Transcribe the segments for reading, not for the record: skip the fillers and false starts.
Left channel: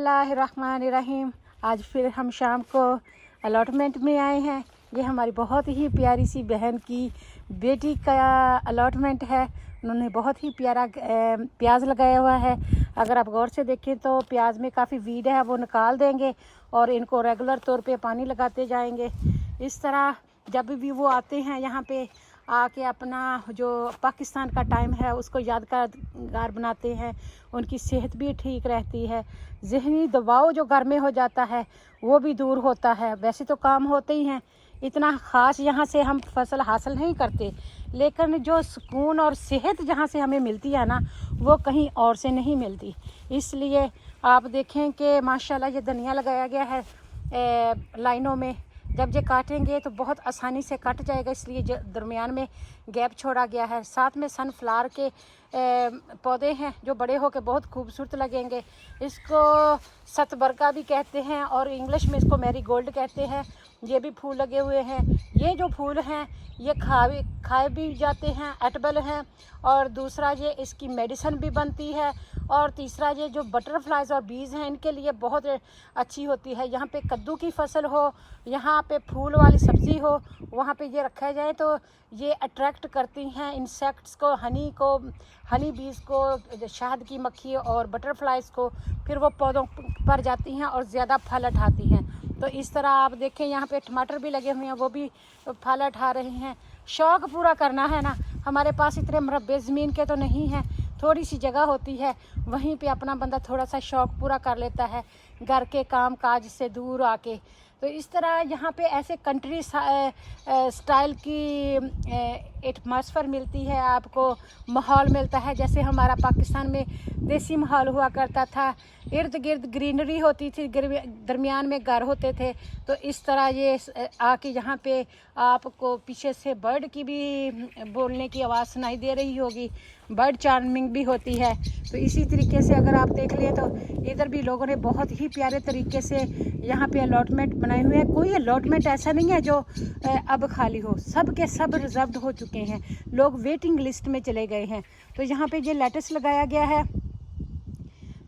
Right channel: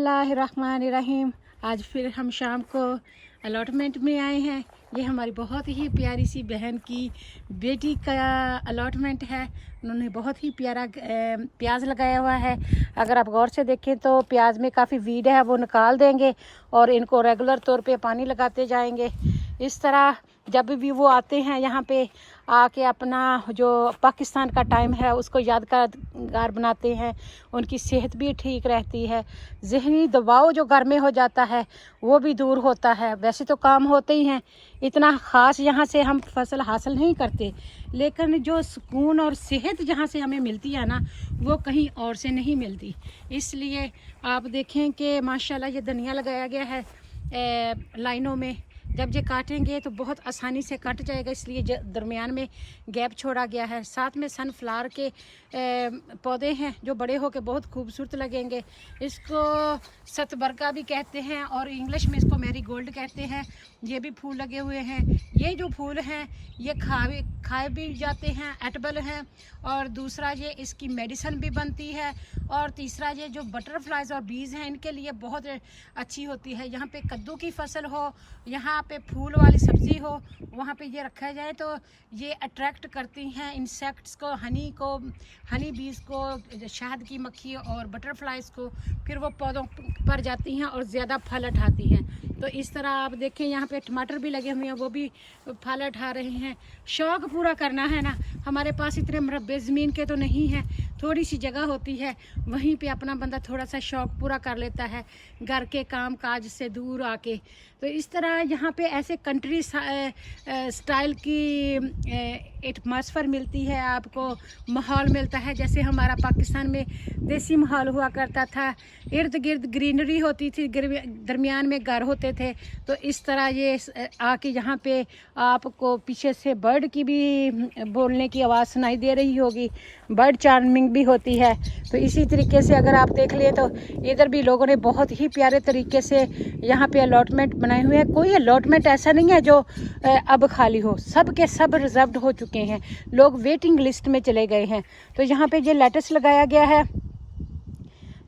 बिस्मिल्लाहिर्रहमानिर्रहीम। आज फिर हम शाम को अलॉटमेंट में आए हैं। ये हमारी बहुत ही प्यारी सी बहन की बेटी का अलॉटमेंट है। उन्होंने बहुत ही प्यारा प्याज लगाया हुआ है। अगर आप गौर से देखें तो प्याज में काफ़ी वीड है, वो निकाल देंगे और इनको रेगुलर तौर पे पानी लगाते जाएंगे। इस तरह जब भी वो आते हैं यहाँ पे आके अपना जो पाकिस्तान का टाइम है उसको यादगार बनाते हैं। उनकी सेहत भी ठीक रहती है, ज़हनी दबाव जो घर में हो जाता है वो भी दूर होता है। वैसे तो काम होते ही हैं, इतना ख़ास यहाँ से हम फसल हासिल नहीं करते, लेकिन जो सुकून और सेहत जहाँ से हमें मिलती है ना, वो कहीं और से नहीं मिलती। इसलिए आप देखें कि माशाल्लाह ये धनिया लगाया गया है लाइनों में। जब ये काटेंगे तो बहुत आसानी से कट जाएगा, इसलिए दरमियान में गैप छोड़ा गया है। साथ में सनफ्लावर के पौधे हैं जो बड़े होकर बहुत खूबसूरत लगेंगे। इसको सतबरका भी कहते हैं और इंग्लिश में इसको मैरीगोल्ड कहते हैं। ये भी फूल लगे हुए हैं। ये जो फूल हैं ये खाए भी जाते हैं, एडिबल हैं। और दूसरा ये इसकी मेडिसिन भी बनती है। और तीसरा ये जो बटरफ्लाइज और बीज हैं इनके लिए बहुत अच्छी होती है। यहाँ पे कद्दू की फसल हो, यहाँ पे फूल वाली सब्ज़ी हो, वहाँ पे ये रखा जाए तो ये अट्रैक्ट करती हैं इंसेक्ट्स को, हनी बीज को, शहद की मक्खी और बटरफ्लाइज को। फिर वो पौधों पर जाती हैं और ज़्यादा फल उठाती हैं। तो इस तरह आप देखें यहाँ पे टमाटर भी लगे हुए हैं, वो भी फल उठा रहे हैं। शौक़ पूरा करना है ना, हमारे पास इतने मरबे ज़मीन के तो नहीं हैं, थोड़ी सी जगह होती है, वहीं पे अपना बंदा थोड़ा सा शौक़ पूरा कर लेता है घर के काम काज से दूर आके। तो इस तरह यहाँ पे ऐसे कंट्री स्टाइल की एटमॉस्फेयर मिलती है, आपको माहौल मिलता है जैसे हमारा पाकिस्तान में देसी माहौल हुआ करता था। इर्द गिर्द ग्रीनरी होती थी, दरमियान में घर होते थे। तो इस तरह ये आके यहाँ पे आपको पीछे से बर्ड की भी बोलने की आवाज़ सुनाई दे रही होगी, बर्ड चार्मिंग भी होती है। तो इसी तरीके से अगर आप देख लें तो इधर भी लोगों ने बहुत ही प्यारे तरीके से यहाँ पे अलॉटमेंट बनाए हुए हैं। कोई अलॉटमेंट ऐसा नहीं है जो अब खाली हो, सब के सब रिजर्व्ड हो चुके हैं, लोग वेटिंग लिस्ट में चले गए हैं। तो यहाँ पे ये लेटस लगाया गया है।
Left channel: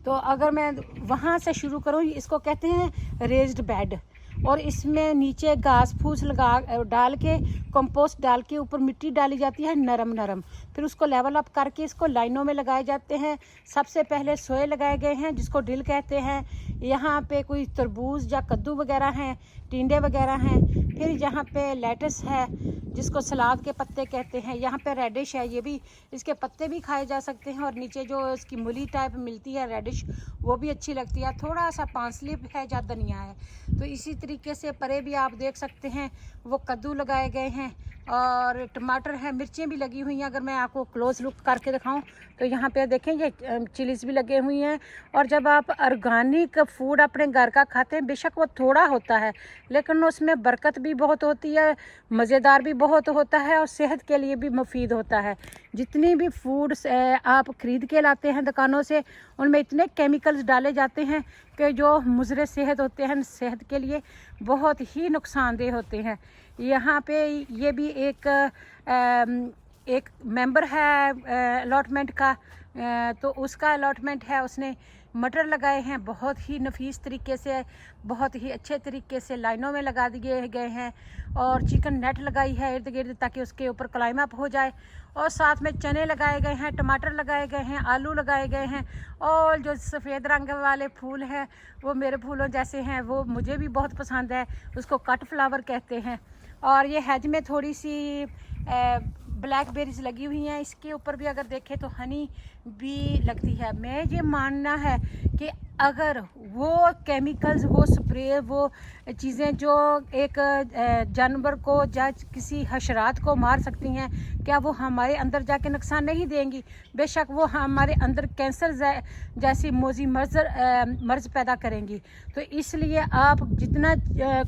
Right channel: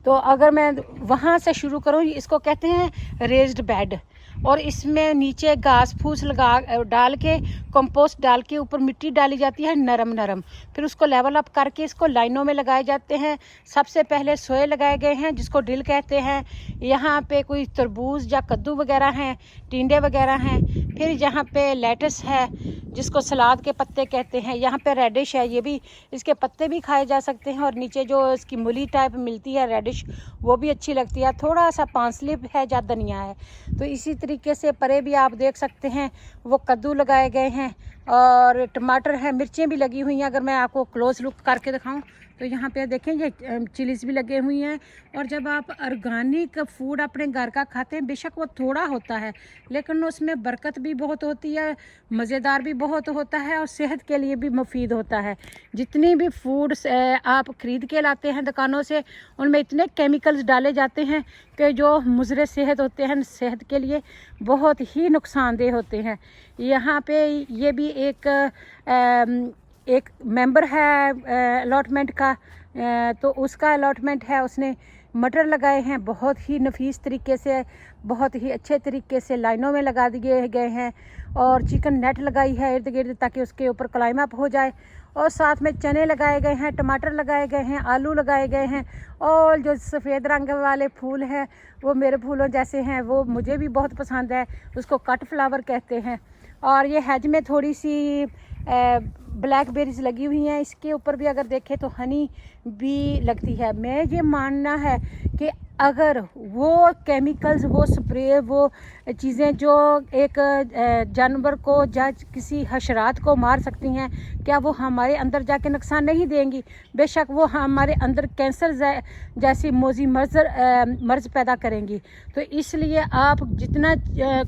तो अगर मैं वहाँ से शुरू करूँ, इसको कहते हैं रेज्ड बेड। और इसमें नीचे घास फूस डाल के, कंपोस्ट डाल के ऊपर मिट्टी डाली जाती है नरम नरम। फिर उसको लेवल अप करके इसको लाइनों में लगाए जाते हैं। सबसे पहले सोए लगाए गए हैं जिसको डिल कहते हैं। यहाँ पे कोई तरबूज या कद्दू वगैरह हैं, टिंडे वगैरह हैं। फिर यहाँ पे लेटस है जिसको सलाद के पत्ते कहते हैं। यहाँ पे रेडिश है, ये भी, इसके पत्ते भी खाए जा सकते हैं। और नीचे जो इसकी मूली टाइप मिलती है रेडिश, वो भी अच्छी लगती है। थोड़ा सा पांसली है या धनिया है। तो इसी तरीके से परे भी आप देख सकते हैं वो कद्दू लगाए गए हैं और टमाटर है, मिर्चें भी लगी हुई हैं। अगर मैं आपको क्लोज लुक करके दिखाऊं तो यहाँ पे देखें ये चिलीज़ भी लगे हुई हैं। और जब आप ऑर्गेनिक फूड अपने घर का खाते हैं, बेशक वो थोड़ा होता है लेकिन उसमें बरकत भी बहुत होती है, मज़ेदार भी बहुत होता है और सेहत के लिए भी मुफीद होता है। जितनी भी फूड आप ख़रीद के लाते हैं दुकानों से, उनमें इतने केमिकल्स डाले जाते हैं कि जो मुज़र सेहत होते हैं, सेहत के लिए बहुत ही नुकसानदेह होते हैं। यहाँ पे ये भी एक मेंबर है अलॉटमेंट का, तो उसका अलॉटमेंट है, उसने मटर लगाए हैं बहुत ही नफीस तरीके से, बहुत ही अच्छे तरीके से लाइनों में लगा दिए गए हैं। और चिकन नेट लगाई है इर्द गिर्द ताकि उसके ऊपर क्लाइम अप हो जाए। और साथ में चने लगाए गए हैं, टमाटर लगाए गए हैं, आलू लगाए गए हैं। और जो सफ़ेद रंग वाले फूल हैं वो मेरे फूलों जैसे हैं, वो मुझे भी बहुत पसंद है, उसको कट फ्लावर कहते हैं। और ये हेज में थोड़ी सी ब्लैकबेरीज लगी हुई हैं। इसके ऊपर भी अगर देखें तो हनी भी लगती है। मैं ये मानना है कि अगर वो केमिकल्स, वो स्प्रे, वो चीज़ें जो एक जानवर को या किसी हशरात को मार सकती हैं, क्या वो हमारे अंदर जाके नुकसान नहीं देंगी? बेशक वो हमारे अंदर कैंसर जैसी मोजी मर्ज पैदा करेंगी। तो इसलिए आप जितना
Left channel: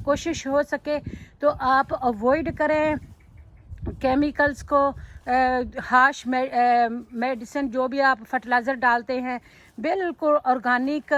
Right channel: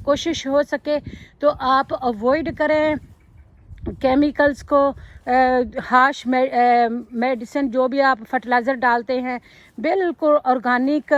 कोशिश हो सके तो आप अवॉइड करें केमिकल्स को, हाश मेडिसिन जो भी आप फर्टिलाइज़र डालते हैं, बिल्कुल ऑर्गेनिक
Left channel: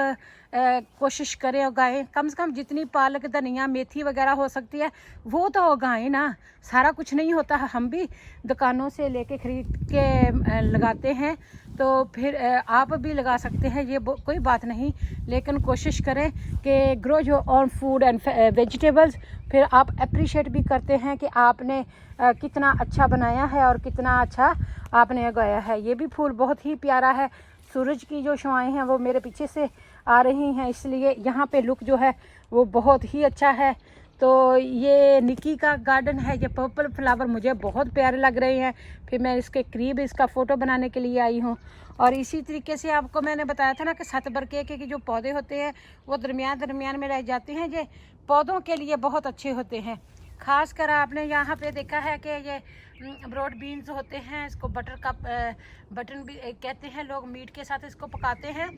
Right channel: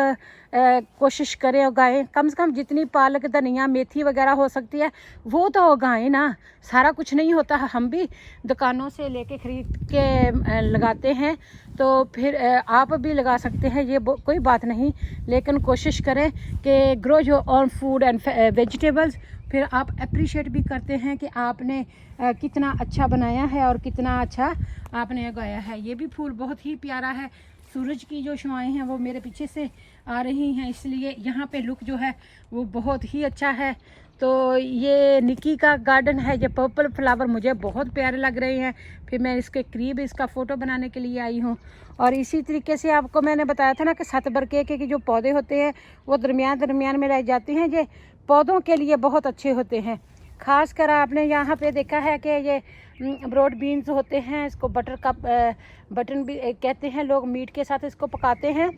कोशिश करें उगाएं। कम से कम जितनी पालक, धनिया, मेथी वगैरह हो सकती है वो तो उगाएं ना। सारा कुछ नहीं होता है, हम भी दुकानों से लेके खरीद के लगाते हैं, तो फिर आप भी लगा सकते हैं, ये कोई बात नहीं। लेकिन कोशिश करें कि grow your own food and vegetables. फिर आप अप्रिशिएट भी करते हैं कि आपने कितना अच्छा बनाया है और कितना अच्छा आपने उगाया है। ये भी फूल बहुत ही प्यारा है। सूरज की जो शुआएं हैं वो मेरे पीछे से आ रही हैं, इसलिए यहाँ पे लुक जो है वो बहुत ही अच्छा है। तो ये निकी का गार्डन है। ये पर्पल फ्लावर मुझे बहुत प्यारे लग रहे हैं, फिर मैं इसके करीब इसका फ़ोटो बनाने के लिए आई हूँ। और इसी तरीके से आपको मैंने बताया था ना कि 7 बरके के जो पौधे होते हैं वो दरमियान में रह जाते हैं, ये पौधों के लिए बहुत अच्छे होते हैं। ख़ास कर आपने यहाँ पे देखा है कि ये ब्रॉड बीन्स होते हैं, इसको बटन भी कहते हैं लोग, मीट के साथ इसको पकाते हैं।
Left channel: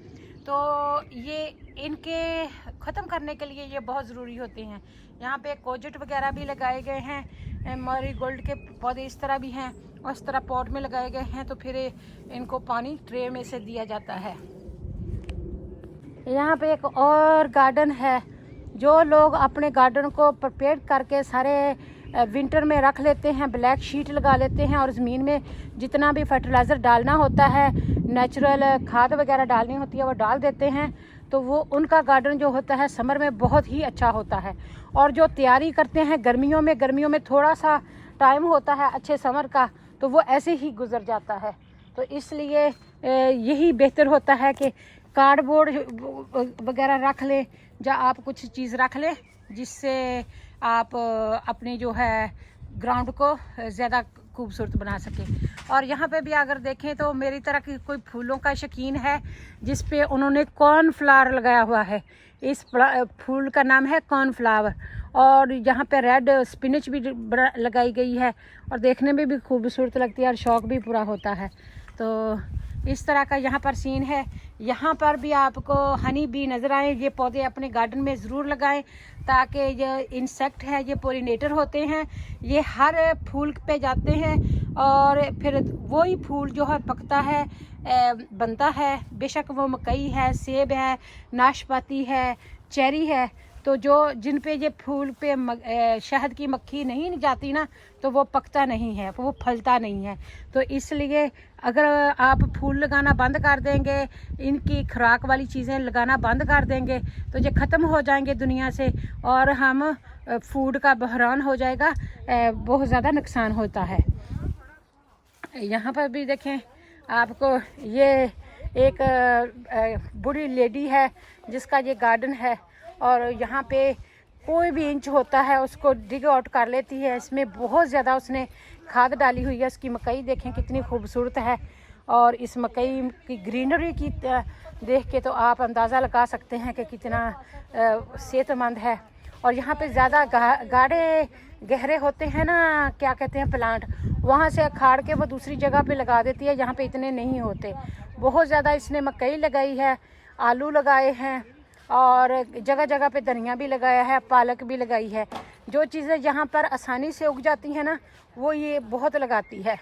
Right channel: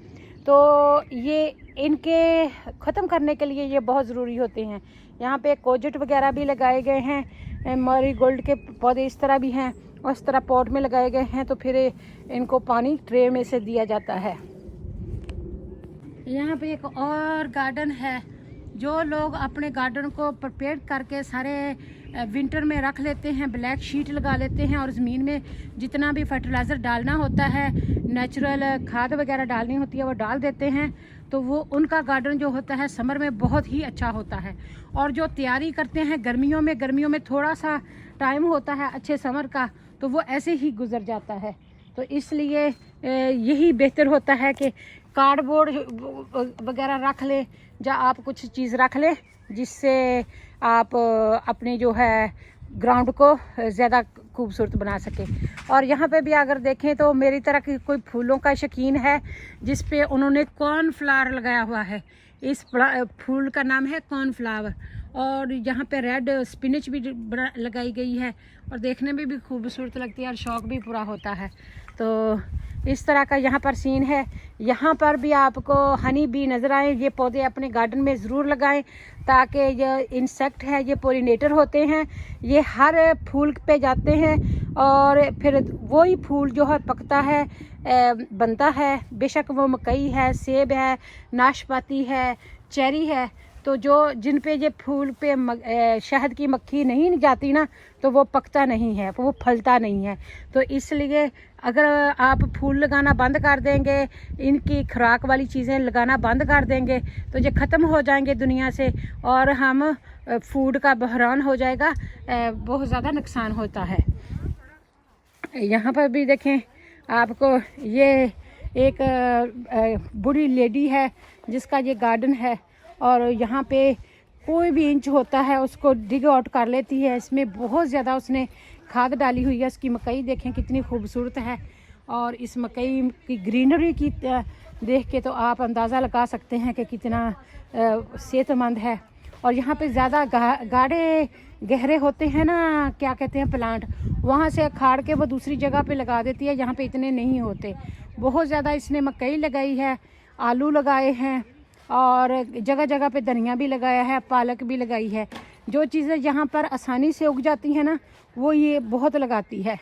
तो ये इनके ख़त्म करने के लिए ये बहुत ज़रूरी होते हैं। यहाँ पे कोजेट वगैरह भी लगाए गए हैं, मैरीगोल्ड के पौधे इस तरह भी हैं और इस तरह पॉट में लगाए गए हैं। तो फिर इनको पानी ट्रे में से दिया जाता है। यहाँ पे एक और गार्डन है। जो लोग अपने गार्डन को प्रिपेयर करके सारे विंटर में रख लेते हैं, ब्लैक शीट लगा लेते हैं और ज़मीन में जितना भी फर्टिलाइज़र डालना होता है, नेचुरल खाद वगैरह डालनी होती है, वो डाल देते हैं, तो वो उनका गार्डन जो होता है समर में बहुत ही अच्छा होता है। और जो तैयारी करते हैं गर्मियों में थोड़ा सा टाइम होता है अच्छे समर का, तो वो ऐसे ही गुजर जाता है। तो इसलिए यही बेहतर होता है कि कार्डबोर्ड वगैरह रख लें, या आप कुछ चीज़ रख लें जिससे आप अपने जो है ग्राउंड को ज़्यादा खूबसूरत बना सके। और यहाँ पे भी अगर देखें तो मेरी तरह की कोई फूलों का शौकीन है जिस पे उन्होंने कॉर्नफ्लावर लगाया हुआ है। इस फूल का नाम है कॉर्नफ्लावर। और यहाँ पे रेड स्पिनच भी लगाई गई है और देखने में भी खूबसूरत लगती है और शौक भी पूरा होता है। तो इस तरह का यहाँ पर सीन है। यहाँ पर भी आपको हनी बी नज़र आए। ये पौधे अपने गार्डन में ज़रूर लगाएं ताकि ये इंसेक्ट है, ये पोलिनेटर होते हैं, ये हर फूल पे जाते हैं और फिर वही फूल जो है पकता है, बनता है। बेशक वो मकई है, सेब है, नाशपाती है, चेरी है, तो जो जिन पे ये फूल पे शहद की मक्खी नहीं जाती ना, तो वो पकता नहीं है, वो फलता नहीं है। तो इसलिए अगर आप फूल लगाना बंद कर देंगे, इनकी खुराक वाली चीज़ें लगाना बंद कर देंगे, तो ये ख़त्म हो जाएंगे दुनिया से और हम फूड का बहरान हो जाएगा, बहुत ज़्यादा नुकसान होता है। यहाँ पर भी देखें आपको, ये एक बूढ़ी लेडी है जिसका ये गार्डन है और यहाँ पे कोई भी इंच होता है उसको डिग आउट कर लेती है। इसमें बहुत ज़्यादा उसने खाद डाली हुई है। इसकी मकई देखें कितनी खूबसूरत है और इस मकई की ग्रीनरी की देख के तो आप अंदाज़ा लगा सकते हैं कि कितना सेहतमंद है। और यहाँ पे ज़्यादा गाढ़े गहरे होते हैं ना, क्या कहते हैं, प्लांट, वहाँ से अखाड़ के वो दूसरी जगह पे लगा देती है। यहाँ पे इतने नहीं होते। बहुत ज़्यादा इसने मकई लगाई है, आलू लगाए हैं और जगह जगह पे धनिया भी लगाया है, पालक भी लगाई है। जो चीज़ें यहाँ पर आसानी से उग जाती हैं ना, वो ये बहुत लगाती है।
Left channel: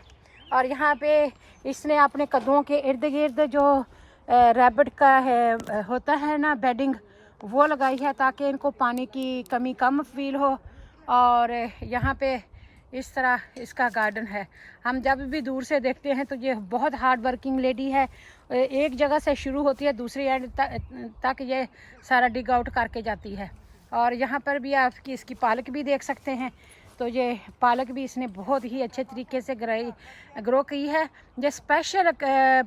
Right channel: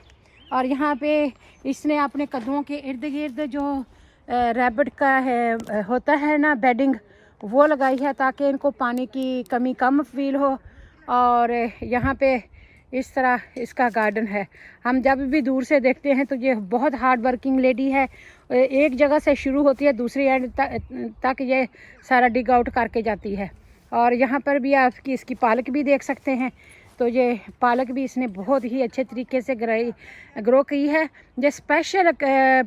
और यहाँ पे इसने अपने कद्दुओं के इर्द गिर्द जो रैबिट का है होता है ना बेडिंग, वो लगाई है ताकि इनको पानी की कमी कम फील हो। और यहाँ पे इस तरह इसका गार्डन है। हम जब भी दूर से देखते हैं तो ये बहुत हार्ड वर्किंग लेडी है। एक जगह से शुरू होती है, दूसरी एंड तक ये सारा डिग आउट करके जाती है। और यहाँ पर भी आपकी इसकी पालक भी देख सकते हैं। तो ये पालक भी इसने बहुत ही अच्छे तरीके से ग्रो की है। ये स्पेशल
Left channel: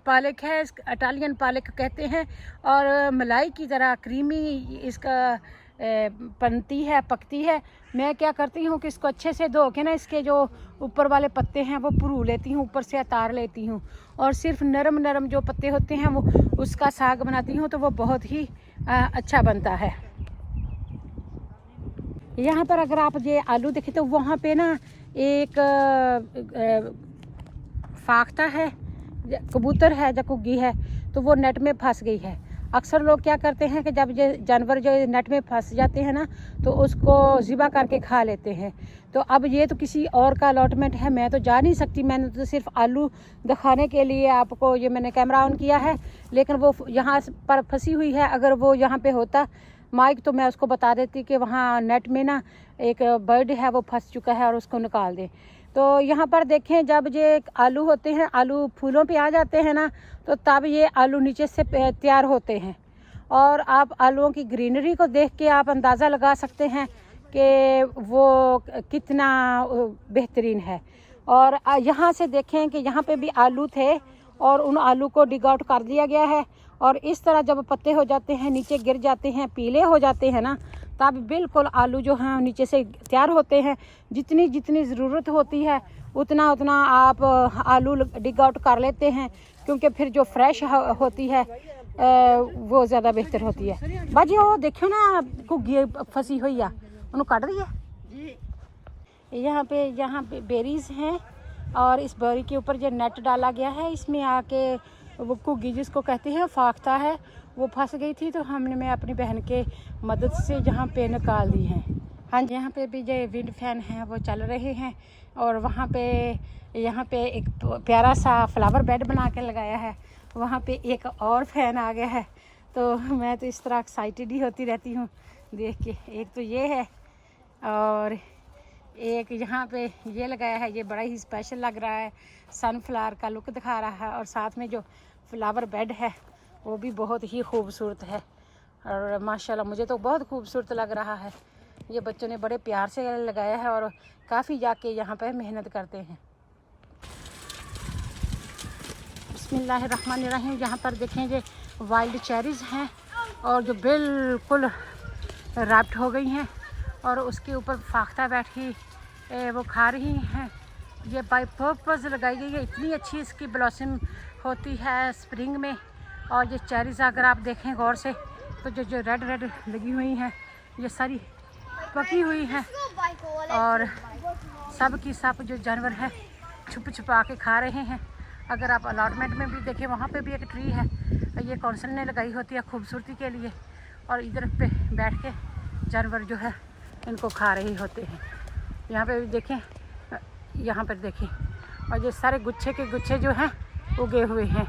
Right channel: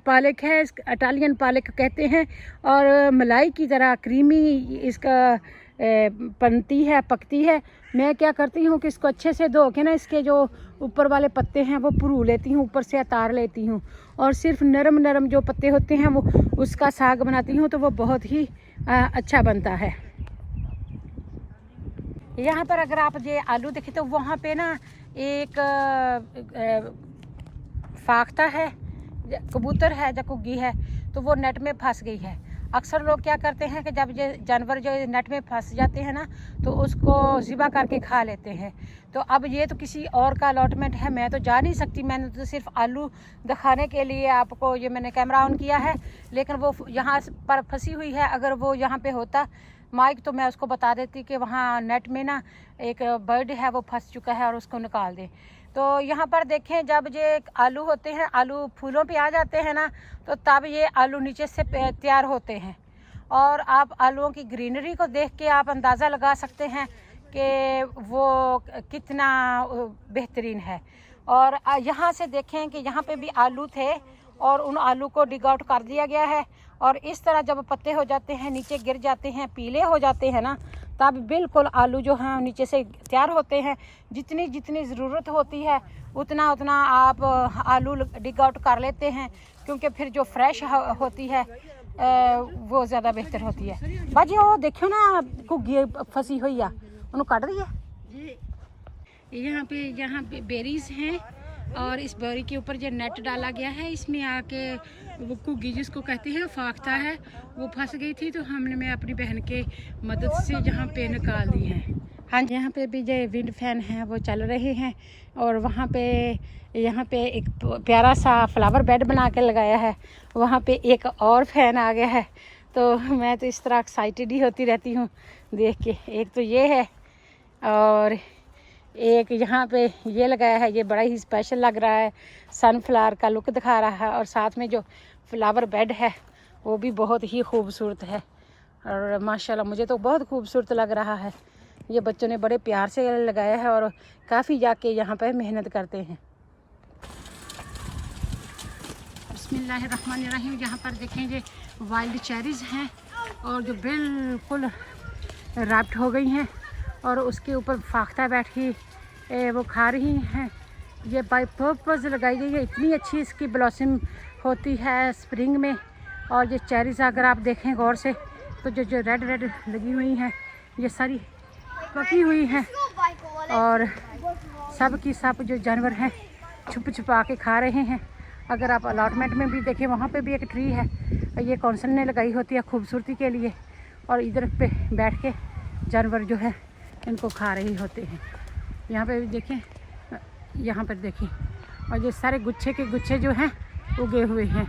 पालक है, इटालियन पालक कहते हैं और मलाई की तरह क्रीमी इसका बनती है, पकती है। मैं क्या करती हूँ कि इसको अच्छे से धो के ना, इसके जो ऊपर वाले पत्ते हैं वो पुरू लेती हूँ, ऊपर से उतार लेती हूँ और सिर्फ नरम नरम जो पत्ते होते हैं वो उसका साग बनाती हूँ, तो वो बहुत ही अच्छा बनता है। यहाँ पर अगर आप ये आलू देखें तो वहाँ पे ना एक फाख्ता है, कबूतर है या कुग्गी है, तो वो नेट में फंस गई है। अक्सर लोग क्या करते हैं कि जब ये जानवर जो नेट में फंस जाते हैं ना तो उसको ज़िबा करके खा लेते हैं। तो अब ये तो किसी और का अलॉटमेंट है, मैं तो जा नहीं सकती। मैंने तो सिर्फ आलू दिखाने के लिए आपको ये मैंने कैमरा ऑन किया है, लेकिन वो यहाँ पर फंसी हुई है। अगर वो यहाँ पे होता माइक तो मैं उसको बता देती कि वहाँ नेट में ना एक बर्ड है वो फंस चुका है और उसको निकाल दे। तो यहाँ पर देखें, जब ये आलू होते हैं, आलू फूलों पे आ जाते हैं ना, तो तब ये आलू नीचे से तैयार होते हैं। और आप आलूओं की ग्रीनरी को देख के आप अंदाज़ा लगा सकते हैं कि वो कितना बेहतरीन है। और यहाँ से देखें कि यहाँ पे भी आलू थे और उन आलू को डिग आउट कर दिया गया है। और इस तरह जब पत्ते हो जाते हैं, नीचे गिर जाते हैं, पीले हो जाते हैं ना, तब बिल्कुल आलू जो हैं नीचे से तैयार होते हैं। जितनी जितनी ज़रूरत होती है उतना उतना आप आलू डिग आउट कर लेते हैं, क्योंकि फिर जो फ्रेश होती है वो ज़्यादा बेहतर होती है। बाजी वो देखो ना घुग्गी फंसी हुई है, उन्होंने काट दी है। यहाँ पे बेरीज हैं और इस बेरी के ऊपर जो नेट डाला गया है, इसमें आके वो घुग्गी जिसको कहते हैं फाख्ता है, वो फंस गई थी। तो हमने मैं अपनी बहन के मदद से यहाँ पे निकाल दी है। हाँ जी, यहाँ पे भी जो विंड फैन हैं वो चल रहे हैं। और वहाँ पे यहाँ पे एक प्यारा सा फ्लावर बेड बना के लगाया है, वहाँ पे एक और फैन आ गया है। तो मैं तो इस तरह एक्साइटेड ही होती रहती हूँ देख के। एक तो ये है और एक यहाँ पे ये लगाया है, ये बड़ा ही स्पेशल लग रहा है, सनफ्लावर का लुक दिखा रहा है। और साथ में जो फ्लावर बेड है वो भी बहुत ही खूबसूरत है और माशाल्लाह मुझे तो बहुत खूबसूरत लग रहा है। ये बच्चों ने बड़े प्यार से लगाया है और काफ़ी जाके यहाँ पे मेहनत करते हैं। बिस्मिल्लाहिर्रहमानिर्रहीम। यहाँ पर देखेंगे वाइल्ड चेरीज़ हैं और जो बिल्कुल रैप्ट हो गई हैं और उसके ऊपर फाख्ता बैठी वो खा रही हैं। ये बाय पर्पज़ लगाई गई है, इतनी अच्छी इसकी ब्लॉसम होती है स्प्रिंग में। और ये चेरीज़ अगर आप देखें गौर से तो जो रेड रेड लगी हुई हैं ये सारी पकी हुई हैं और सब की सब जो जानवर हैं छुप छुपा के खा रहे हैं। अगर आप अलॉटमेंट में भी देखें, वहाँ पे भी एक ट्री है, ये कौंसल ने लगाई होती है खूबसूरती के लिए। और इधर पे बैठ के जानवर जो है इनको खा रहे होते हैं। यहाँ पे भी देखें, यहाँ पर देखें, और ये सारे गुच्छे के गुच्छे जो हैं उगे हुए हैं।